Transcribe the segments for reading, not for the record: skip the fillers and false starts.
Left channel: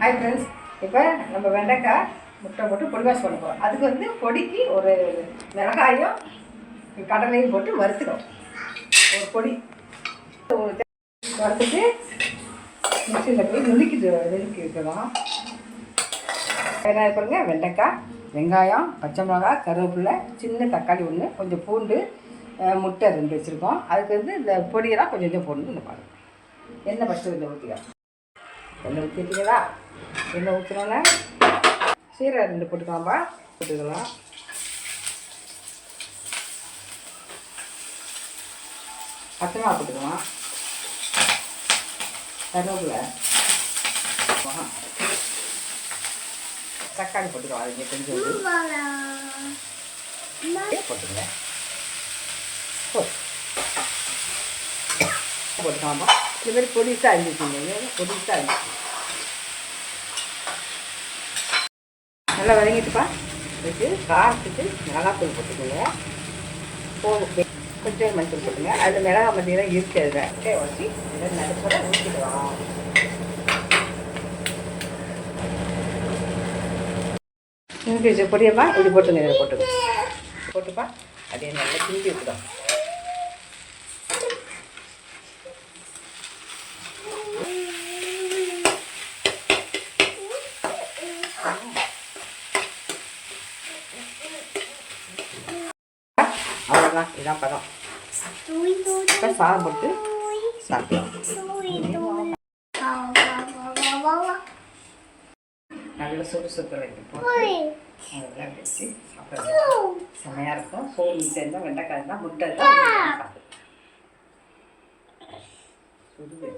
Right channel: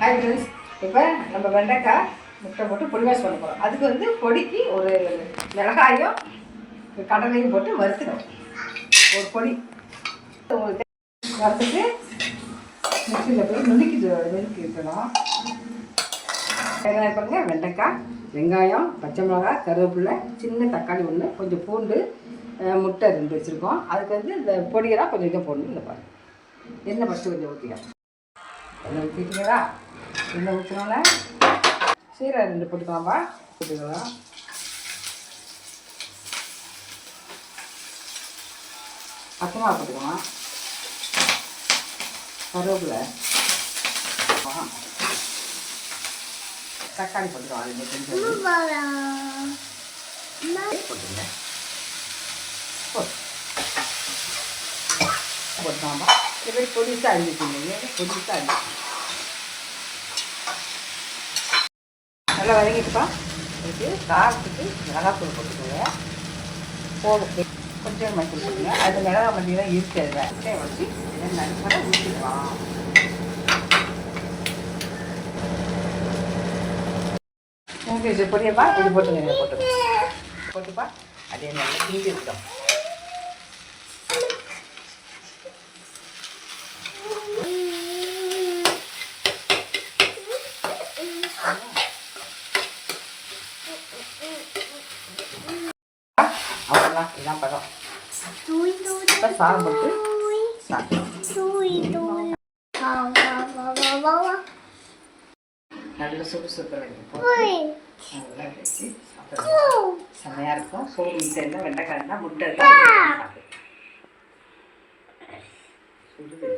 Hi friends, இப்போ நம்ம வெண்டைக்காய் முட்டை போட்டு பொடி மாஸ் பண்ண போகிறோம். அதுக்கு வந்து பொடிக்கு ஒரு மிளகாயும் கடலையும் போட்டு வறுத்துக்கணும். ஒரு பொடி வறுத்துட்டு மிக்சியில் போய் நுணுக்கி இருக்கணும். வெங்காயம் பாருங்க, வெண்டைக்காய், வெங்காயம், பச்சை மிளகாய், கருவேப்பிலை, சின்ன தக்காளி ஒன்று, கொஞ்சம் பூண்டு, முட்டை 2 வச்சுருக்கோம். அதுக்கு வந்து இந்த பொடியெல்லாம் கொஞ்சம் இதை போடணும். இந்த பாருங்கள், எண்ணெய் ஃபஸ்ட்டு கொஞ்சம் ஊற்றிக்கலாம். எண்ணெய் ஊற்றிட்டீங்களா? எண்ணெய் ஊற்றினோன்னே சீரகம் 2 போட்டுக்கலாம்பா. போட்டுக்கலாம். பச்சை மிளகா போட்டுக்கலாம். கருவேப்பிலை, தக்காளி போட்டுக்கலாம். அது கொஞ்சம் போட்டுங்க. போட்டுக்கலாம்பா. இந்த மாதிரி பொடிசாக அரிஞ்சிச்சிங்க. பொடிசாக அரிஞ்சி நல்லா வதங்கிட்டுப்பா. இது காரத்துக்கு மிளகாத்தூள் போட்டுக்கோங்க. கொஞ்சம் மஞ்சள் போட்டுங்க. அது மிளகா மல்லியெல்லாம் இருக்குது. அதில் வச்சு இதை நடுப்பட ஊற்றிக்கலாம். எனக்கு இது பொடியப்பா, இது போட்டுங்க. இதில் போட்டுப்பா. அதே நல்லா கிண்டி விட்டுடும். அவ்வளோதான், இதுதான் பதம். இப்போ சாதம் போட்டு சாப்பிடலாம். நல்ல சுறுசுறுத்தலை நல்லா வச்சு சாப்பிடலாம். செம்மையாக இருக்கும். சோறு முட்டை வெண்டைக்காய் தான் முட்டை தான் சாப்பிடு. சுடுது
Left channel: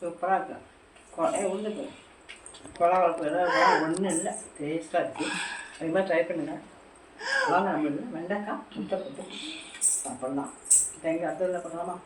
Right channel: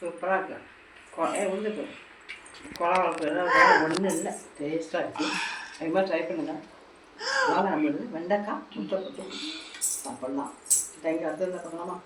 சூப்பராக இருக்கும். உளுந்துக்கு குழா வளர்ப்பு ஏதாவது ஒன்றும் இல்லை, டேஸ்ட்டாக இருக்குது. அது மாதிரி ட்ரை பண்ணுங்கள். வாங்க, நம்ம வெண்டைக்காய் முட்டை போட்டு சாப்பிட்லாம். தேங்காய் அடுத்ததில் பண்ணலாமா?